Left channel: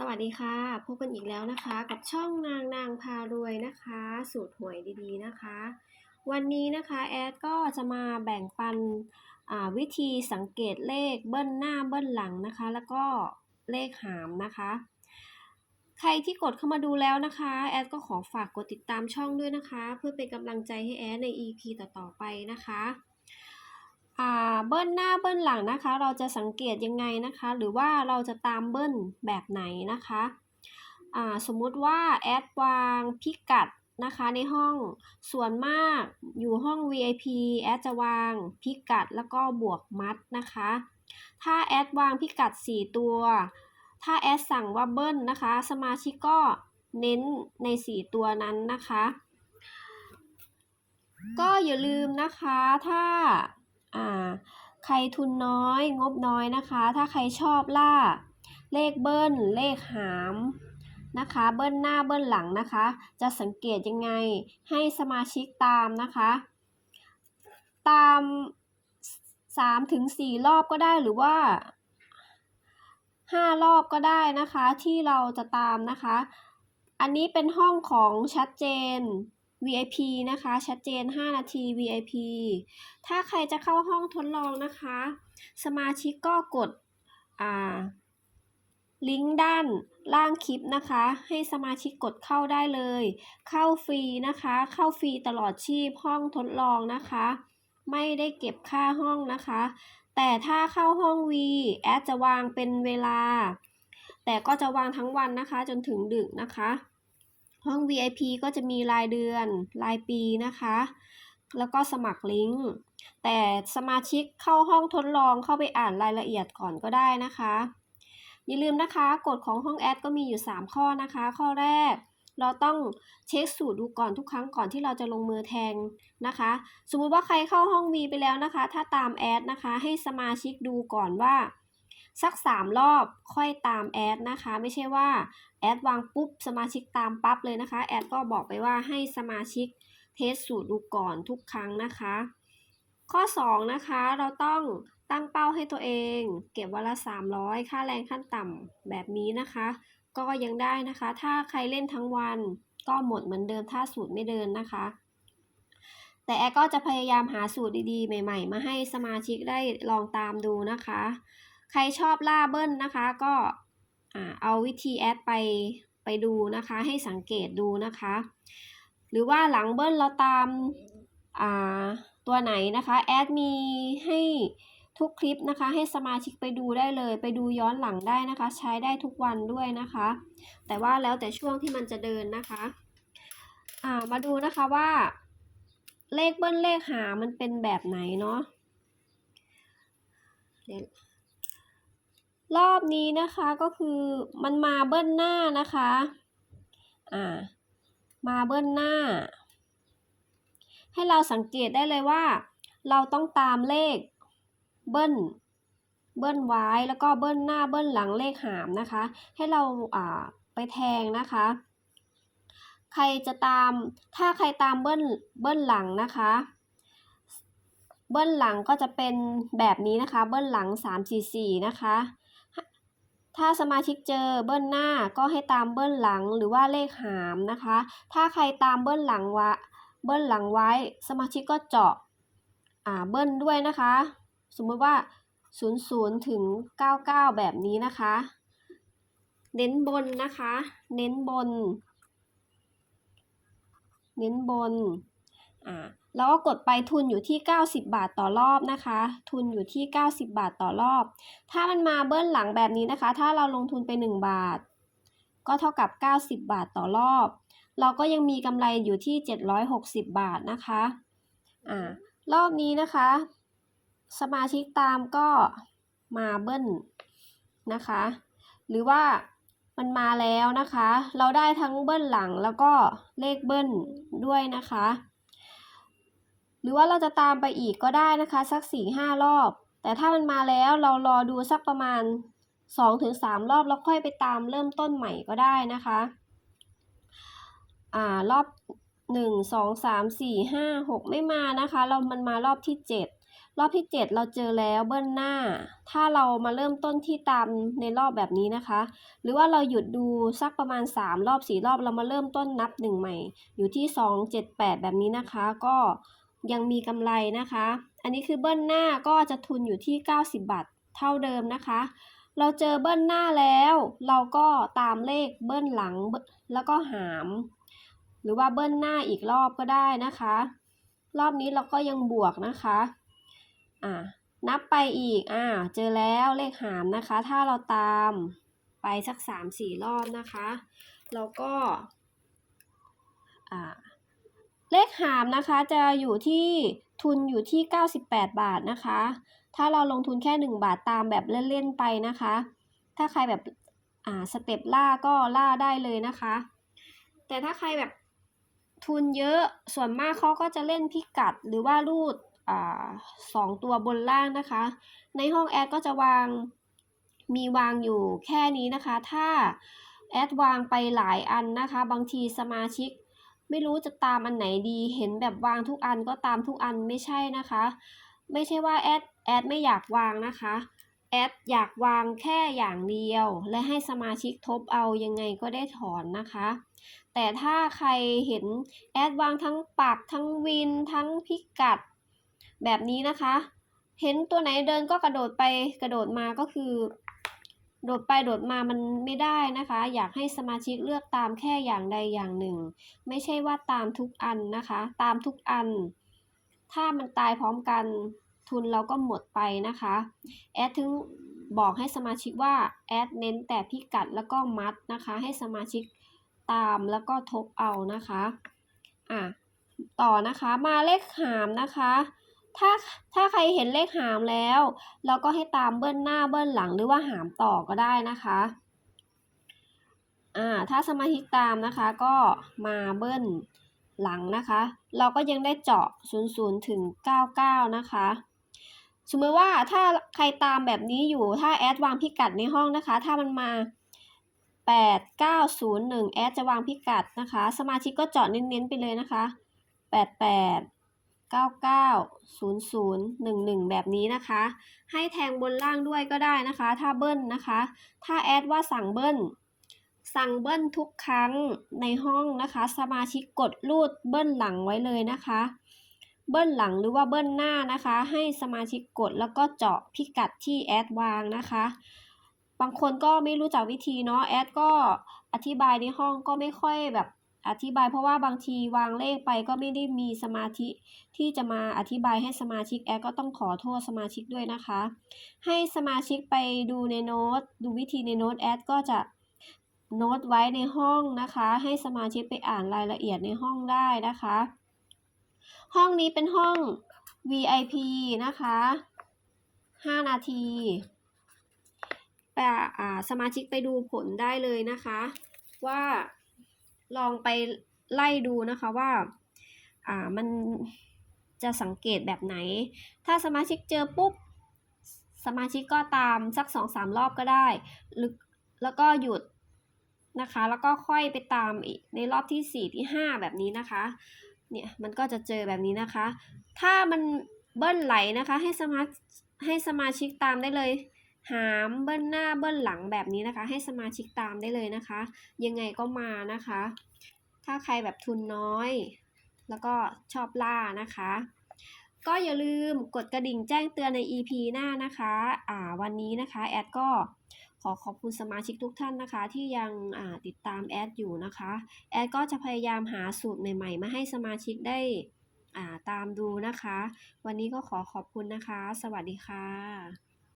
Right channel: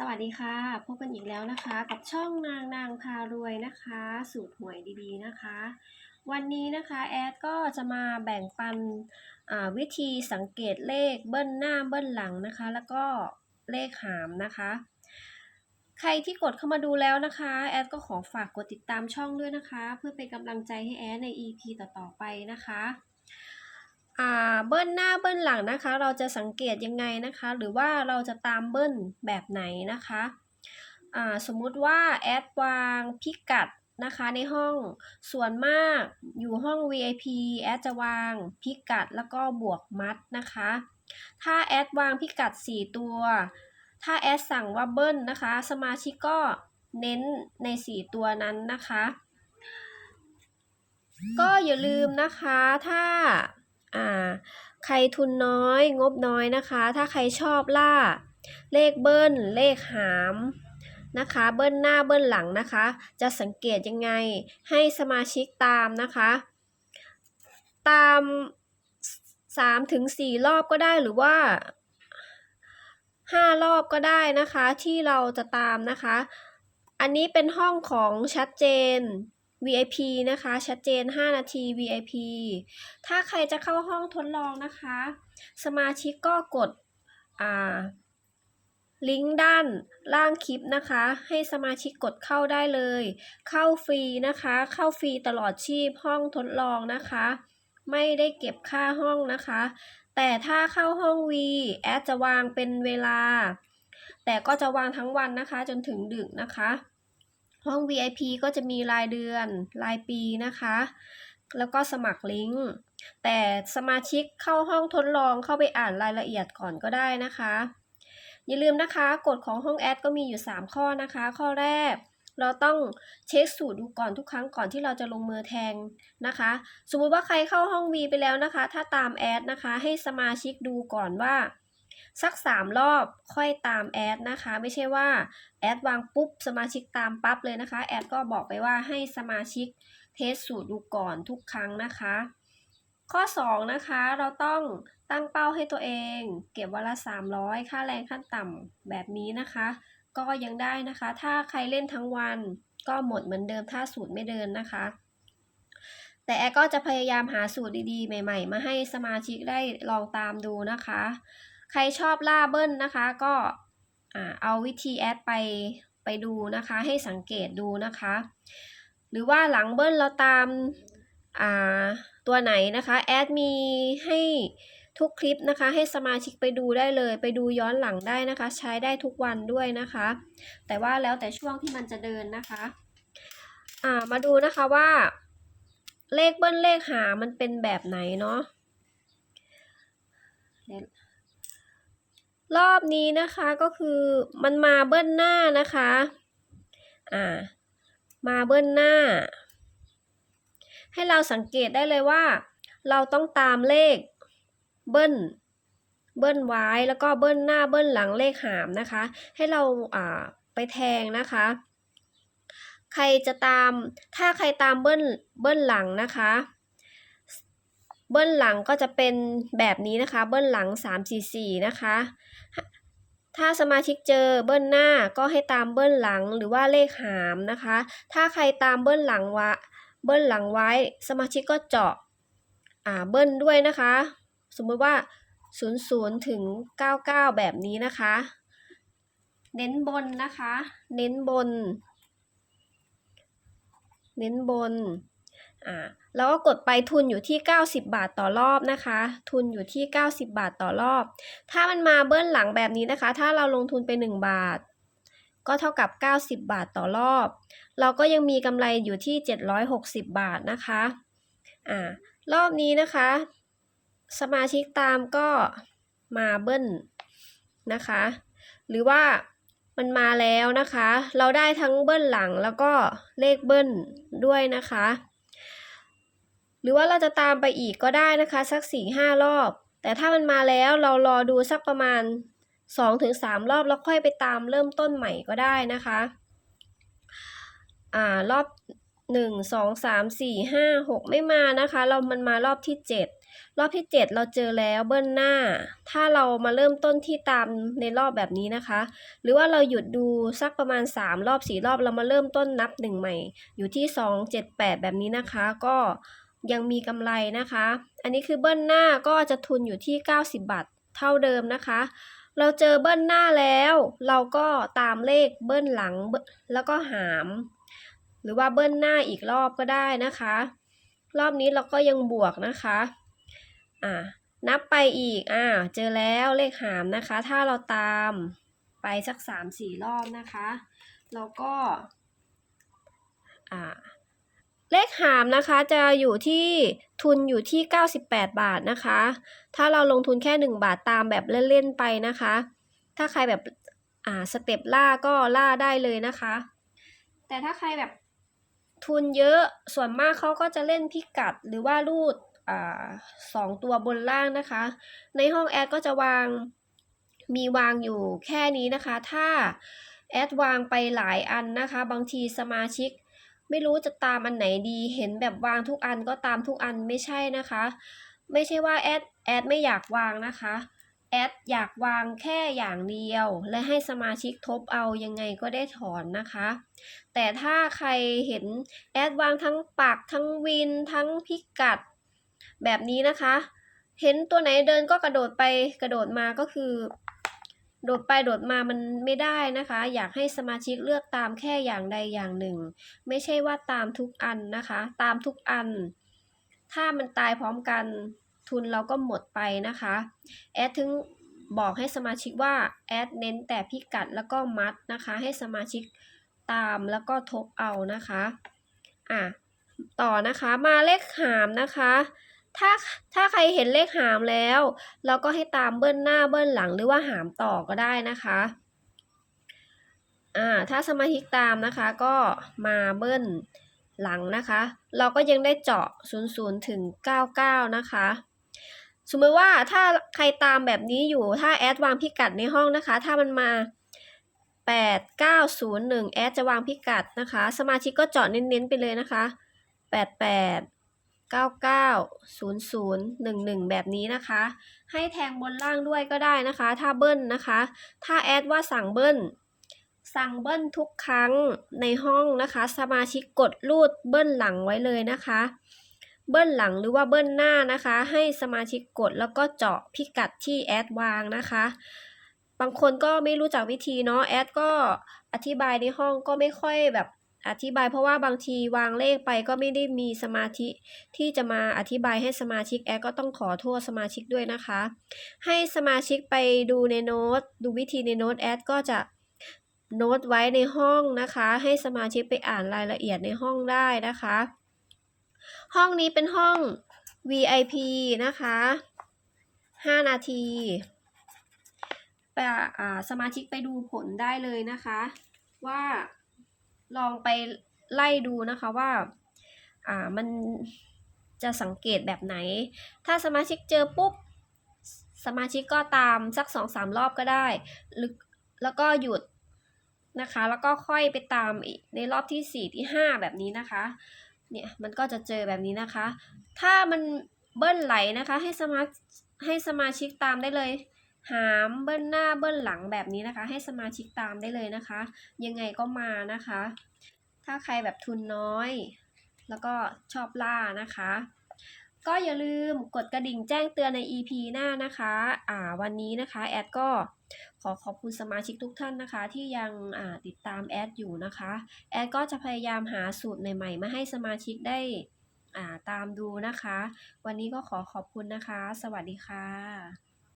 สวัสดีค่ะ พบกันอีกแล้วนะคะ กับช่องนางนางพารวยนะคะ สูตรหวยดีๆนะคะ วันนี้นะคะแอดก็จะมาแบ่งปันวิธีสังเกตเลขเบิ้ลหน้าเบิ้ลหลังนะคะ แล้วก็เลขหามนะคะ ใครที่กดเข้ามาดูแล้วนะคะแอดก็ขอฝากกดติดตามช่องด้วยนะคะ เพื่อเป็นกำลังใจให้แอดใน EP ต่อๆไปนะคะ เบิ้ลหน้าเบิ้ลหลังนะคะ เราจะสังเกตยังไงนะคะ หรือว่าเราจะตามเบิ้ลแบบไหนนะคะอ่าสมมุติว่าแอดวางพิกัดนะคะในห้องส่วนมากอยู่ห้อง VIP แอดจะวางพิกัดแล้วก็บวกมัดนะคะ ถ้าแอดวางพิกัด 4 ตัว ถ้าแอดสั่งว่าเบิ้ลนะคะ สมาชิกก็เน้นใน 4 ตัวนั้นนะคะ ก็อย่าลืมนะคะถ้า ใครทุนน้อย งบน้อยนะคะ ถ้าใครชอบล่า เลขเบิ้ล เลขหามนะคะ เบิ้ลหน้าเบิ้ลหลังนะคะ จะสังเกตยังไงให้สมาชิกตามนะคะ ตาม3ถึง4รอบก็ได้หรือว่า 5 รอบก็ได้นะคะที่เราจะตามนะคะ อันนี้เป็นห้องของชัดเจน VIP นะคะ ชัดเจน 5 นาที VIP ถ้าใครจะเข้าห้องทดลองนะคะ สมาชิกก็กดอ่าลิงก์ด้านล่างคลิปนะคะ ให้สมาชิกกดเข้าได้เลย เข้าฟรีนะคะ เข้าฟรีตลอดชีพห้องทดลองนะคะ ไม่ได้เก็บค่าห้องนะคะ แต่ถ้าเข้าห้อง V แอดจะวางเป็นเวลา แต่ก็จะวางทั้งวันนะคะ จนถึงดึกนะคะ ห้อง VIP ก็จะมีรายเดือน รายปีนะคะ แล้วก็สมัครลิงก์ แต่สมาชิกเข้าห้องทดลองเข้าไปอ่านรายละเอียดก่อนก็ได้นะคะ อย่าลืมนะคะกฎของห้องแอดก็มีอยู่ 3 ข้อนะคะ ข้อแรก เราต้องเช็คสูตรดูก่อนทุกครั้งก่อนที่เราจะลงมือแทงนะคะ สมมุติว่าใครเข้าห้อง V ไปแล้วนะคะ ถ้าตามแอดนะคะ ให้สมาชิกดูก่อนว่า สัก 3 รอบค่อยตามแอดนะคะ ไม่ใช่ว่าแอดวางปุ๊บสมาชิกตามปั๊บเลยนะคะ แอดก็บอกไปว่าให้สมาชิกเทสสูตรดูก่อนทุกครั้งนะคะ ข้อ 2 นะคะเราต้องตั้งเป้าให้ตัวเอง เก็บวันละ 300 ค่าแรงขั้นต่ำแบบนี้นะคะ ก็ยังได้นะคะ ถ้าใครเล่นทั้งวันก็หมดเหมือนเดิมถ้าสูตรไม่เดินนะคะ แต่แอดก็จะพยายามหาสูตรดีๆ ใหม่ ๆ มาให้สมาชิกได้ลองตามดูนะคะ ใครชอบล่าเบิ้ลนะคะ ก็เอาวิธีแอดไปไปดูนะคะ ให้สังเกตดูนะคะ หรือว่าหลังเบิ้ลเราตามาตัวไหนนะคะ แอดมีให้ทุกคลิปนะคะ ให้สมาชิกไปดูได้เลย ไปดูย้อนหลังได้นะคะ ใช้ได้ทุกวันด้วยนะคะ แต่ว่าแล้วแต่ช่วงที่มันจะเดินนะคะามาดูนะคะว่า เลขเบิ้ลเลขหามันเป็นแบบไหนเนาะ รอบนี้นะคะก็คือมันมาเบิ้ลหน้านะคะ อ่า มาเบิ้ลหน้า ให้เราสังเกตได้เลยว่า เราต้องตามเลขเบิ้ล เบิ้ลไว้แล้วก็เบิ้ลหน้าเบิ้ลหลังเลขหามนะคะ ให้เราอ่าไปแทงนะคะ ใครจะตาม ถ้าใครตามเบิ้ล เบิ้ลหลังนะคะเบิ้ลหลังก็จะเป็นแบบนี้นะคะ เบิ้ลหลัง 3 4 4 นะคะ ถ้าสมาชิกเจอเบิ้ลหน้าก็ให้ตามเบิ้ลหลังหรือว่าเลขหามนะคะ ถ้าใครตามเบิ้ลหลังวะเบิ้ลหลังไว้ สมาชิกก็เจาะอ่าเบิ้ลด้วยนะคะ สมมติว่า 00 ถึง 99 แบบนี้นะคะ เน้นบนนะคะ เน้นบน เน้นบน อ่าแล้วก็กดไปทุนอยู่ที่ 90 บาทต่อรอบนะคะ ทุนอยู่ที่ 90 บาทต่อรอบ ถ้ามันมาเบิ้ลหลังแบบนี้นะคะ ถ้าเราลงทุนไป 1 บาท ก็เท่ากับ 90 บาทต่อรอบ เราก็ยังมีกำไรอยู่ที่ 760 บาทนะคะอ่ารอบนี้นะคะ สมาชิกตามก็มาเบิ้ลนะคะ หรือว่ามันมาแล้วนะคะ เราได้ทั้งเบิ้ลหลังแล้วก็เลขเบิ้ลด้วยนะคะ หรือว่าเราจะตามไปอีกก็ได้นะคะสักสี่ห้ารอบ แต่ถ้ามันมาแล้วเรารอดูสักประมาณสองถึงสามรอบแล้วค่อยไปตามเริ่มต้นใหม่ก็ได้นะคะอ่ารอบหนึ่งสองสามสี่ห้าหกไม่มานะคะ เรามันมารอบที่เจ็ดรอบที่ 7 เราเจอแล้วเบิ้ลหน้า ถ้าเรามาเริ่มต้นที่ตามในรอบแบบนี้นะคะ หรือว่าเราหยุดดูสักประมาณ 3 รอบ 4 รอบเรามาเริ่มต้นนับ 1 ใหม่ อยู่ที่ 2 7 8 แบบนี้นะคะ ก็ ยังมีกำไรนะคะ อันนี้คือเบิ้ลหน้าก็จะทุนอยู่ที่ 90 บาทเท่าเดิมนะคะ เราเจอเบิ้ลหน้าแล้ว เราก็ตามเลขเบิ้ลหลังแล้วก็หาม หรือว่าเบิ้ลหน้าอีกรอบก็ได้นะคะ รอบนี้เราก็ยังบวกนะคะอ่านับไปอีกอ่าเจอแล้วเลขหามนะคะ ถ้าเราตามไปสักสามสี่รอบนะคะ เราก็อ่า เลขหามนะคะจะอยู่ที่ทุนอยู่ที่ 98 บาทนะคะ ถ้าเราลงทุนแค่ 1 บาทตามแบบเล่นๆไปนะคะ ถ้าใครแบบอ่าสเต็ปล่าก็ล่าได้เลยนะคะ แต่ถ้าใครแบบทุนเยอะส่วนมากเขาก็จะเล่นพิกัดหรือว่ารูดอ่าสองตัวบนล่างนะคะ ในห้องแอดก็จะวางมีวางอยู่แค่นี้นะคะ ถ้าแอดวางไปหลายอันนะคะ บางทีสมาชิก ไม่รู้จะตามอันไหนดีเห็นแบบวางทุกอันก็ตามทุกอันไม่ใช่นะคะ ไม่ใช่ว่าแอดแอดไม่อยากวางนะคะแอดอยากวางแค่อย่างเดียว และให้สมาชิกทบเอายังไงก็ได้ถอนนะคะ แต่ถ้าใครเห็นแอดวางทั้งปักทั้งวินทั้งพิกัด แบบนี้นะคะ เห็นตัวไหนเดินก็กระโดดไปกระโดดมาก็คือ โดดไปโดดมามันไม่ได้นะคะ อยากให้สมาชิกเลือกตามแค่อย่างใดอย่างหนึ่ง ไม่ใช่ว่าตามทุกอันนะคะ ตามทุกอัน ถ้ามันตายพร้อมกันทุนเราก็หมดไปนะคะ แอดถึงบอกให้สมาชิกว่าแอดเน้นแต่พิกัดแล้วก็มัดนะคะ ให้สมาชิกตามแล้วก็ทบเอานะคะ อะ ต่อนะคะ มาเลขหามนะคะ ถ้าถ้าใครเห็นเลขหามแล้ว เราก็ให้ตามเบิ้ลหน้าเบิ้ลหลังหรือว่าหามต่อก็ได้นะคะอ่าถ้าสมาชิกตามนะคะก็มาเบิ้ลหลังนะคะ เราก็ยังได้เจาะ 00 ถึง 99 นะคะ สมมติว่าถ้าใครตามแบบนี้อยู่ถ้าแอดวางพิกัดในห้องนะคะ ถ้ามันมา 8901 แอดจะวางพิกัดนะคะ สมาชิกก็เจาะเน้นๆไปเลยนะคะ 88 99 00 11 แบบนี้นะคะ ให้แทงบนล่างด้วยก็ได้นะคะ ถ้าเบิ้ลนะคะ ถ้าแอดว่าสั่งเบิ้ล สั่งเบิ้ลทุกครั้งในห้องนะคะ สมาชิกกดรูดเบิ้ลหลังไว้เลยนะคะ เบิ้ลหลังหรือว่าเบิ้ลหน้านะคะ ให้สมาชิกกดแล้วก็เจาะพิกัดที่แอดวางนะคะ บางคนก็ไม่รู้จักวิธีเนาะแอดก็อธิบายในห้องก็ไม่ค่อยแบบ อธิบายเพราะว่าบางทีวางเลขไปก็ไม่ได้มีสมาธิ ที่จะมาอธิบายให้สมาชิกแอดก็ต้องขอโทษสมาชิกด้วยนะคะ ให้สมาชิกไปดูในโน้ตดูวิธีในโน้ตแอดก็จะโน้ตไว้ในห้องนะคะ ให้สมาชิกไปอ่านรายละเอียดในห้องได้นะคะ ห้องนี้เป็นห้อง VIP นะคะ 5 นาทีไปอ่าสมาชิกไปดูผลได้เลยนะคะ ว่า ลองไปไล่ดูนะคะว่าอ่ามันจะสังเกตแบบไหน ถ้าสมาชิกเจอปุ๊บ สมาชิกก็ตามสักสองสามรอบก็ได้หรือแล้วก็หยุดนะคะ แล้วก็ค่อยไปตามอีกในรอบที่สี่ที่ห้าแบบนี้นะคะ เนี่ยมันก็จะเจอแบบนี้นะคะ ถ้ามันเบิ้ลไหลนะคะให้สมาให้สมาชิกตามได้เลย หามเบิ้ลหน้าเบิ้ลหลังแบบนี้นะคะ ให้สมาชิกตามได้เลยนะคะ ยังไงก็มานะคะ ถ้าใครแบบทุนน้อย แล้วก็ชอบล่านะคะ ก็อย่าลืมกดกระดิ่งแจ้งเตือนใน EP หน้านะคะอ่าวันนี้นะคะแอดก็ขอขอบคุณสมาชิกทุกท่านนะคะ ที่ยังติดตามแอดอยู่นะคะ แอดก็จะพยายามหาสูตรใหม่ๆ มาให้สมาชิกได้าตามดูนะคะ วันนี้ก็ขอขอบคุณนะคะ สวัสดีค่ะ